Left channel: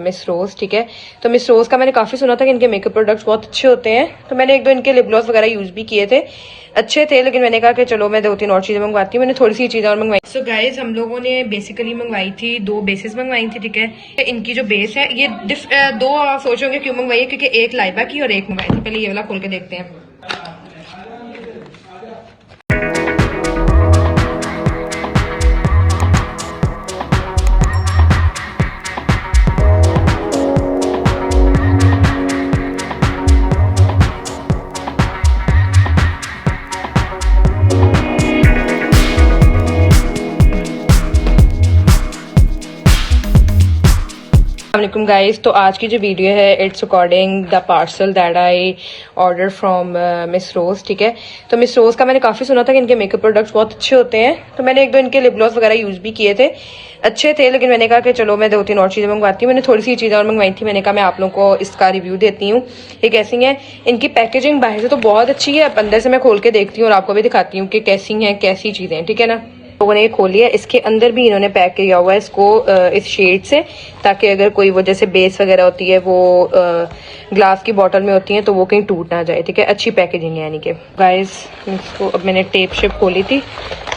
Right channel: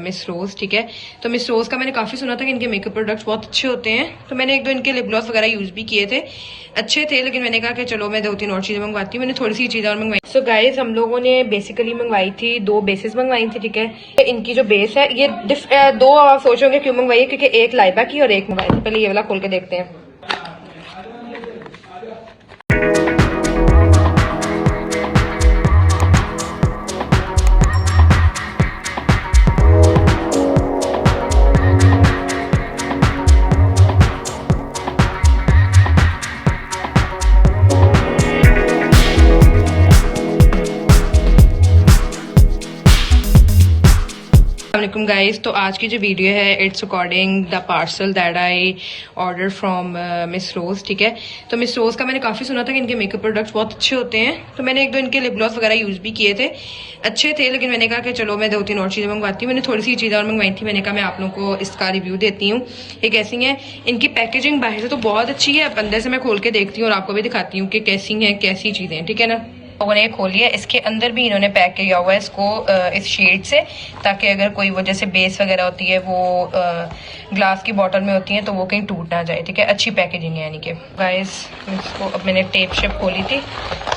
Miss Rose, ठीक है। तो मिस रोज का मैंने काफी सुना था कि इनके मेकअप प्रोडक्ट्स बहुत अच्छे होते हैं, तो मैंने एक दो इनके लिप ग्लॉस वगैरह यूज भी किए थे, अच्छे थे। लेकिन मैंने कहा कि चलो मैं 2-3 और चीजें मंगवाती हूँ। मैंने थोड़ी सी चीजें और मंगवाई। सो गाइस, हम लोगों ने बेसिकली मंगवाई थी 2 बेसेस मंगवाई थी, ठीक है। इनकी जो बेस है ये 2 आप सोचोगे क्यों मंगवाई है, क्योंकि एक लाइबा की और एक मंगवाई थी। पहले ये वाला खोल के देखते हैं। अस्सलामुअलैकुम गाइस, तो आज की जो वीडियो है it's according the parcel that I order from miss Rose, ठीक है। तो मिस रोज का मैंने काफी सुना था कि इनके मेकअप प्रोडक्ट्स बहुत अच्छे होते हैं, तो मैंने एक दो इनके लिप ग्लॉस वगैरह यूज भी किए थे, अच्छे थे। लेकिन मैंने कहा कि चलो मैं 2-3 और चीजें मंगवाती हूँ। मैंने थोड़ी सी चीजें और मंगवाई थी। मैंने कहा मैं आप लोगों को इसका रिव्यू देती हूँ ये कैसी है। इनकी पैकेजिंग बाहर से तो बहुत अच्छी है, अब अंदर से मैं खोल के देखती हूँ और आपको भी दिखाती हूँ कि कैसी है, कैसी चीजें, ठीक है ना। लोगों ने ये खोल लिया, इसके अंदर भी इन्होंने पैक किया हुआ है इसको इस शेड से, ताकि अगर कोई वो जैसे बेस वगैरह होती है वो ग्लास की बॉटल में होती है तो वो कहीं टूट ना जाए, ठीक है। अच्छी पैकेजिंग है यानी कि। गाइस, इसको अब मैंने टेप शेप खोली थी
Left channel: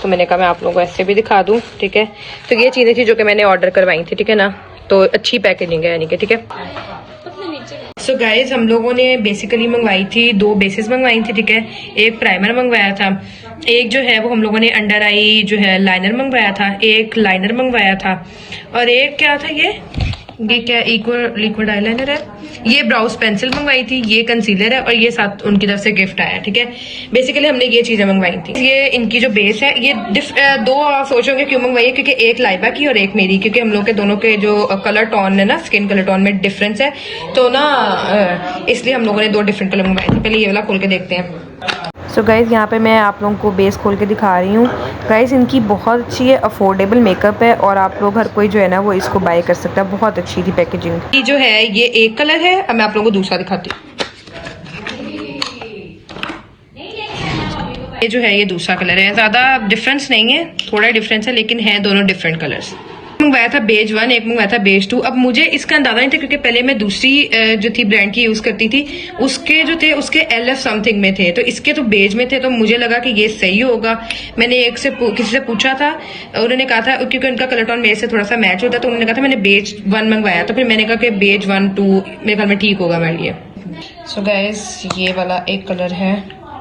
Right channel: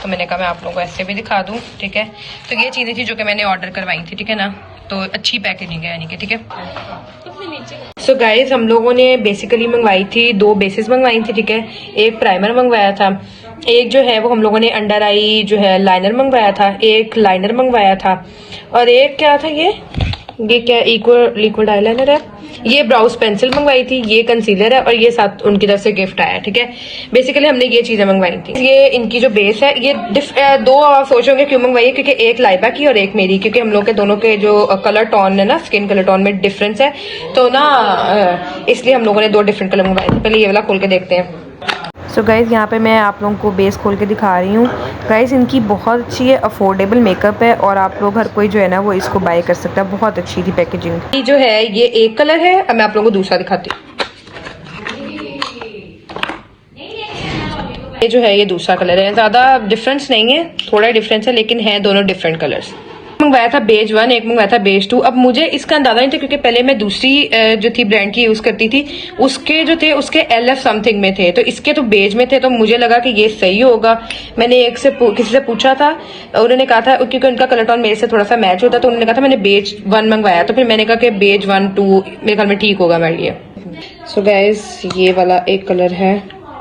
तो मैंने कहा मैं आप लोगों को ऐसे भी दिखा दूं, ठीक है। तो ये चीजें थी जो कि मैंने ऑर्डर करवाई थी, ठीक है ना। तो अच्छी पैकेजिंग है यानी कि, ठीक है। सो गाइस, हम लोगों ने बेसिकली मंगवाई थी 2 बेसेस मंगवाई थी, ठीक है। एक प्राइमर मंगवाया था, एक जो है वो हम लोगों ने अंडर आई जो है लाइनर मंगवाया था, एक लाइनर मंगवाया था, और एक क्या था ये क्या लिक्विड आईलाइनर है, ये ब्राउज पेंसिल मंगवाई थी, ये कंसीलर है, और ये साथ उनकी तरफ से गिफ्ट आया, ठीक है। बेसिकली हमने ये चीजें मंगवाई थी। ये इनकी जो बेस है ये 2 आप सोचोगे क्यों मंगवाई है, क्योंकि एक लाइबा की और एक मेरी, क्योंकि हम लोग के दोनों के जो कलर टोन है ना, स्किन कलर टोन में डिफरेंस है, तो ना इसलिए हम लोगों ने 2 डिफरेंट कलर मंगवाए थे। पहले ये वाला खोल के देखते हैं। सो गाइज़, यहाँ पे मैं आप लोगों को बेस खोल के दिखा रही हूँ। गाइज़, इनकी बहुत अच्छी है, अफोर्डेबल मेकअप है, और आप लोग हर कोई जो है ना वो इसको बाय कर सकता है। बहुत अच्छी थी पैकेजिंग। ये जो है ये एक कलर है, अब मैं आप लोगों को दूसरा दिखाती हूँ। ये जो है ये दूसरा कलर है, ज्यादा डिफरेंस नहीं है, थोड़ा डिफरेंस है, लेकिन है दोनों डिफरेंट कलर्स। मंगवाया था बेज 1, एक मंगवाया था बेज 2। अब मुझे इसका अंदाजा नहीं था क्योंकि पहले मैं दूसरी जो थी ब्रांड की यूज करती थी, उसके जो थे उसके LF समथिंग में थे, तो इसके तो बेज में थे, तो मुझे लगा कि ये सही होगा। मैंने किसी से पूछा था, उन्होंने कहा था क्योंकि उनका कलर टोन मेरे से थोड़ा सा मैच होता है, तो उन्होंने कहा था मैंने बेज 1 मंगवाया, तो फिर मैंने कहा कि बेज 1, 2 मेरे ख्याल में ठीक होगा मेरे लिए। सो गाइस, ये वाला एक कलर है,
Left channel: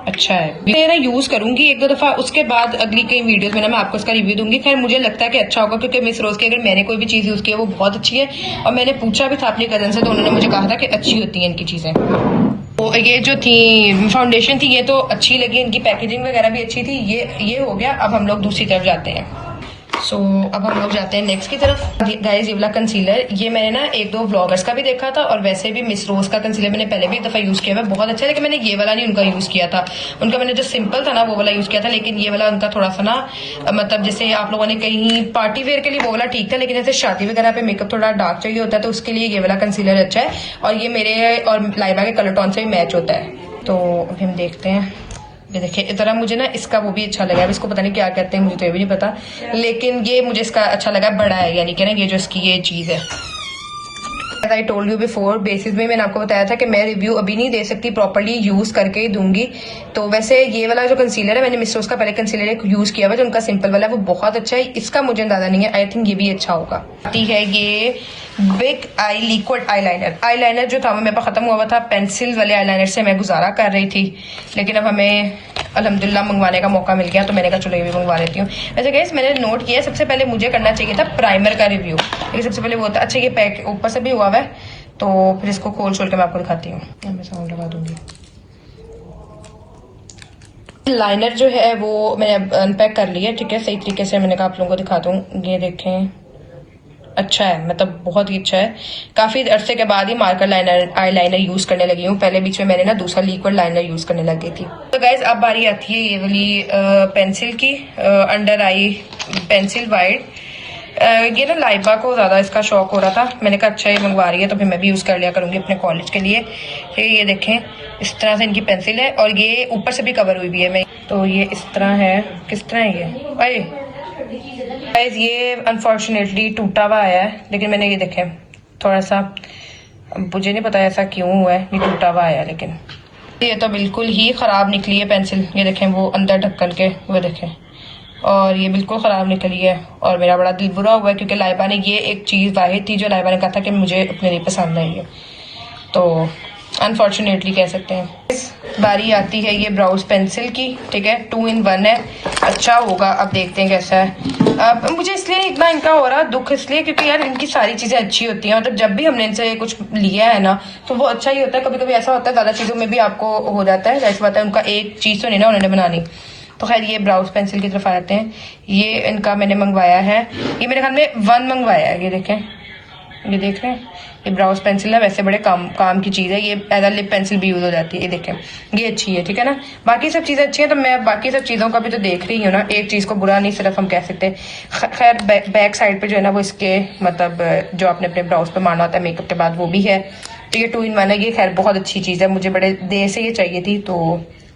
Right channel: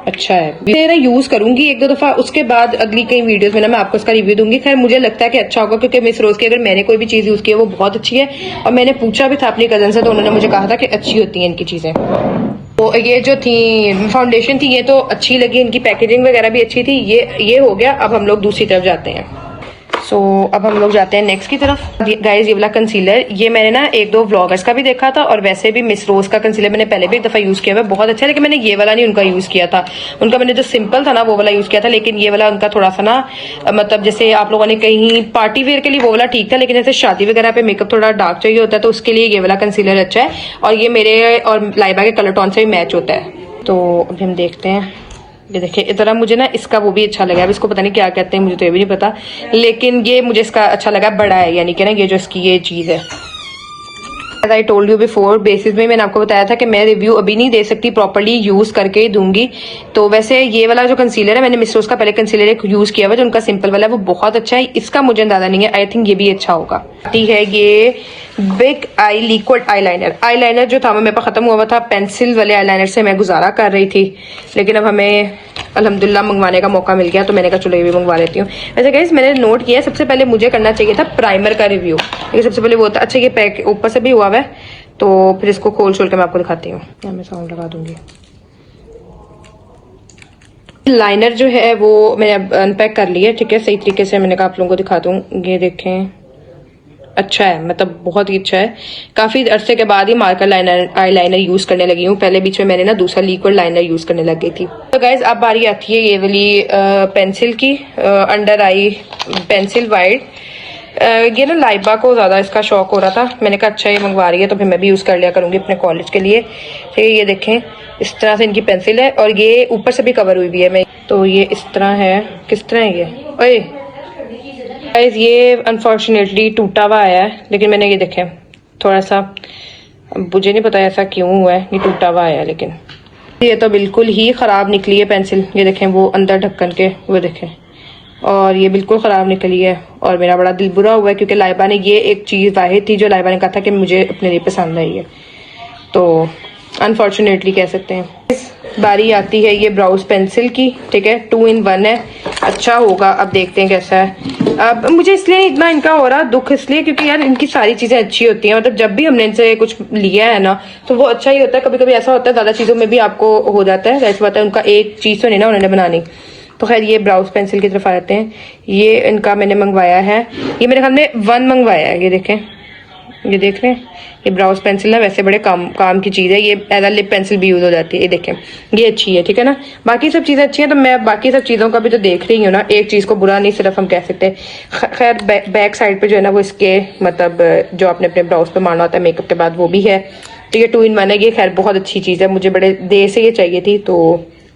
अच्छा है, मेरा यूज करूंगी 1-2 दफा, उसके बाद अगली कई वीडियोस में ना मैं आपको इसका रिव्यू दूंगी। खैर मुझे लगता है कि अच्छा होगा, क्योंकि मिस रोज की अगर मैंने कोई भी चीज यूज की है वो बहुत अच्छी है, और मैंने पूछा भी था अपनी कजन से, तो उन्होंने मुझे कहा था कि अच्छी होती है इनकी चीजें। तो ये जो थी फाउंडेशन थी ये तो अच्छी लगी, इनकी पैकेजिंग वगैरह भी अच्छी थी। ये हो गया। अब हम लोग दूसरी तरफ जाते हैं। सो अब हम लोग जाते हैं नेक्स्ट की तरफ। गाइज, ये वाला कंसीलर ये मैंने ना 1-2 व्लॉगर्स का भी देखा था, और वैसे भी मिस रोज का कंसीलर मैंने पहले भी एक दफा यूज किया हुआ, बहुत अच्छा है। लेकिन मैंने ये वाला नहीं उनका यूज किया था, उनका मैंने जो सिंपल था ना वो वाला यूज किया था। लेकिन ये वाला उनका थोड़ा सा ना मतलब जैसे आप लोगों ने कहीं पार्टी वेयर के लिए वो वाला ठीक था, लेकिन जैसे शादी वगैरह पे मेकअप थोड़ा डार्क चाहिए होता है तो उसके लिए ये वाला कंसीलर अच्छा है, और ये मेरे और लाइबा के कलर टोन से भी मैच होता है। तो अभी हम देखते हैं। ये देखिए, इस तरह मुझे ना इसका वो भी अच्छा लगा, अब इसको पता नहीं क्या कहते हैं, मुझे तो ये भी नहीं पता, लेकिन ये मुझे इसका अच्छा लगा, बड़ा है यानी कि ना ये जो इसकी ये चीज है। I told you before, basis में मैंने आपको बताया था कि मैं रिव्यू अभी नहीं दे सकती, प्रॉपर्ली यूज करके ही दूंगी। तो वैसे ये वाला जो कंसीलर है, मैंने मिस रोज का पहले कंसीलर एक यूज किया हुआ जो उनका सिंपल वाला है, वो बहुत अच्छा है। इसका मुझे अंदाजा नहीं है, आई थिंक ये भी अच्छा होगा। ठीक है, ये बिग आई लिक्विड आईलाइनर जो था वो मेरे पास खत्म हुआ था, पेंसिल वाले आईलाइनर से मैं गुजारा कर रही थी, लेकिन अब हमें अल्हम्दुलिल्लाह मंगवाने का मौका मिल गया, तो मैंने कहा चलो ये भी मंगवा लेती हूँ। वैसे गाइस, मैंने नोट किया सबसे पहले मुझे करना चाहिए था प्राइमर का रिव्यू, तो सबसे पहले वो था। अच्छा, ये पैक ऊपर से भी हुआ है, तो फिर इसको खोल छोल के मैं आपको दिखाती हूँ। मैं साउंड लगा दूंगी। लाइनर जो है वो मैंने अनपैक कर लिया, ठीक है, सही तरीके से। मैंने कहा आप लोगों को दिखा दूं, ये देखें, अच्छा है, मतलब बहुत ही अच्छा है। काफी अरसे के बाद ही मार्कर आईलाइनर यूज करने लगी हूँ, पहले बीच में मैंने ना दूसरा लिक्विड लाइनर यूज करने लग गई थी। तो गाइस, अब बारी आती है ये वाली पेंसिल की, अंडर आई पेंसिल वाइट। ये ना लाइबा को ज्यादा इसका शौक हो रहा था, मैंने कहा अच्छा ये मंगवा रही है तो फिर मैं भी यूज कर लिया करूंगी अपने कॉलेज के लिए। फिर ये देखें, इस तरह से इनकी पेंसिल है, और ये ऊपर से भी कवर हुई हुई है। मैं तो ये इस तरह है, किस तरह है ये? ये अनफॉर्चुनेटली टूटा हुआ आया है, लेकिन मैंने ये देखें थोड़ा सा, मुझे नहीं पता ऐसा क्यों हुआ है, ये टूटा हुआ आया। लेकिन ये तो बिल्कुल ही ख़राब निकली है पेंसिल, ये देखें वो अंदर ढक्कन के वो देखें, और ये बिल्कुल ख़राब निकली है। और मेरा बड़ा दिल बुरा हुआ है क्योंकि लाइबा ने ये एक चीज़ वाहिद थी जो लाइबा ने कहा था कि मुझे अपने लिए पसंद आई है, तो अनफॉर्चुनेटली कह सकते हैं। बारी आती है ये ब्राउज पेंसिल की, ठीक है, 2 in 1 है, अच्छा होगा। अब देखते हैं कैसा है। अब मुझे इसलिए इतना इनका हो रहा दुख इसलिए क्योंकि यार इनकी सारी चीजें अच्छी होती हैं, मतलब जब भी हमने इनसे कुछ लिया है ना तो वो अच्छा ही होता है। कभी कभी ऐसा होता है ज्यादा चीजों में भी आपको हो जाता है, ऐसा बात है उनका एक चीज तो नहीं ना उन्होंने बनानी। तो खैर ये ब्राउज पेंसिल की तरफ आते हैं। ये इनका मैंने मंगवाया है, ये मेरे ख्याल में 1 मंगवाया है। ये देखें, ये देख रहे हैं, ये ब्राउज पेंसिल है, वैसे बड़े काम की चीज़ है, ये एज अ लिप पेंसिल भी यूज हो जाती है। ये देखें, ये अच्छी है, ठीक है ना। बाकी सब चीज़ें अच्छी हैं, तो मैं बाकी सब चीज़ों का भी तो देख रही हूँ ना, एक चीज़ को बुरा नहीं सिर्फ हम कह सकते। खैर बैक साइड पे जो है ना वो इसके मतलब जो आपने अपने ब्राउज पे मारना होता है मेकअप के बाद वो भी है। ये 2 in 1 है, ये खैर बहुत अच्छी चीज़ है, मुझे बड़े देर से ये चाहिए थी तो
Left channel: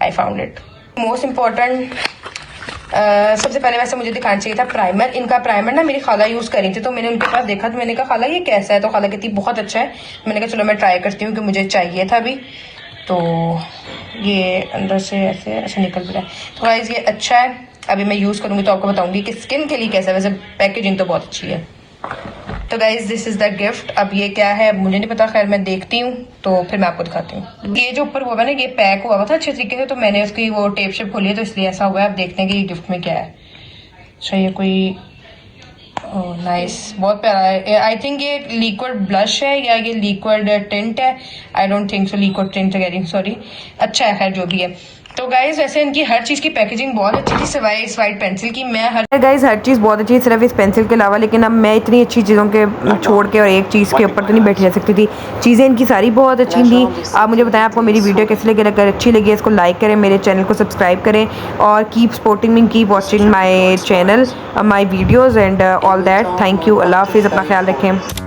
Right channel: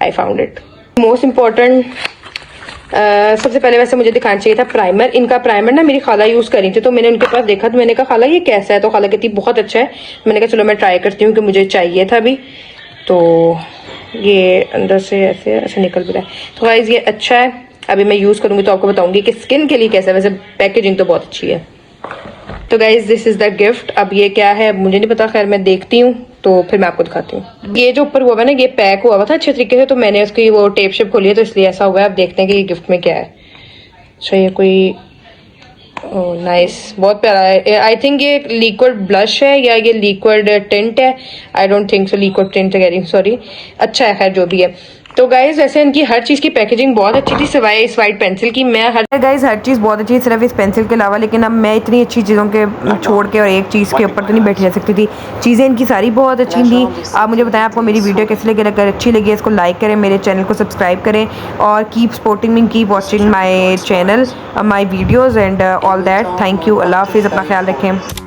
I found it. Most important सबसे पहले वैसे मुझे दिखाना चाहिए था प्राइमर। इनका प्राइमर ना मेरी खाला यूज करी थी, तो मैंने उनके पास देखा तो मैंने कहा खाला ये कैसा है, तो खाला कहती बहुत अच्छा है। मैंने कहा चलो मैं ट्राई करती हूँ कि मुझे चाहिए था अभी। तो ये अंदर से ऐसे ऐसे निकल भी रहा है। तो गाइस ये अच्छा है, अभी मैं यूज करूंगी तो आपको बताऊंगी कि स्किन के लिए कैसा है। वैसे पैकेजिंग तो बहुत अच्छी है। तो guys this is the gift. अब ये क्या है मुझे नहीं पता, खैर मैं देखती हूँ तो फिर मैं आपको दिखाती हूँ। ये जो ऊपर हुआ है ना ये पैक हुआ था अच्छे तरीके से, तो मैंने उसकी वो टेप शेप खोली है तो इसलिए ऐसा हुआ है। अब देखते हैं कि ये गिफ्ट में क्या है। सो ये कोई नाइस बहुत प्यारा है। आई थिंक ये लिक्विड ब्लश है या ये लिक्विड टिंट है, I don't think so. Liquid tint कह रही हूँ, सॉरी। अच्छा है जो भी है। तो गाइज वैसे इनकी हर चीज़ की पैकेजिंग बहुत अच्छी थी सिवाय इस वाइट पेंसिल की। मैं हर चीज़ बहुत अच्छी सिर्फ इस पेंसिल के अलावा, लेकिन अब मैं इतनी अच्छी चीज़ों के छोड़ के और एक चीज़ के ऊपर तो नहीं बैठी रह सकती थी। चीज़ें इनकी सारी बहुत अच्छी थी। आप मुझे बताएं आपको मेरी वीडियो कैसी लगी, अगर अच्छी लगी इसको लाइक करें, मेरे चैनल को सब्सक्राइब करें और keep supporting me, keep watching my channel, my videos and all that. Thank you, अल्लाह हाफिज़, अपना ख्याल रखें।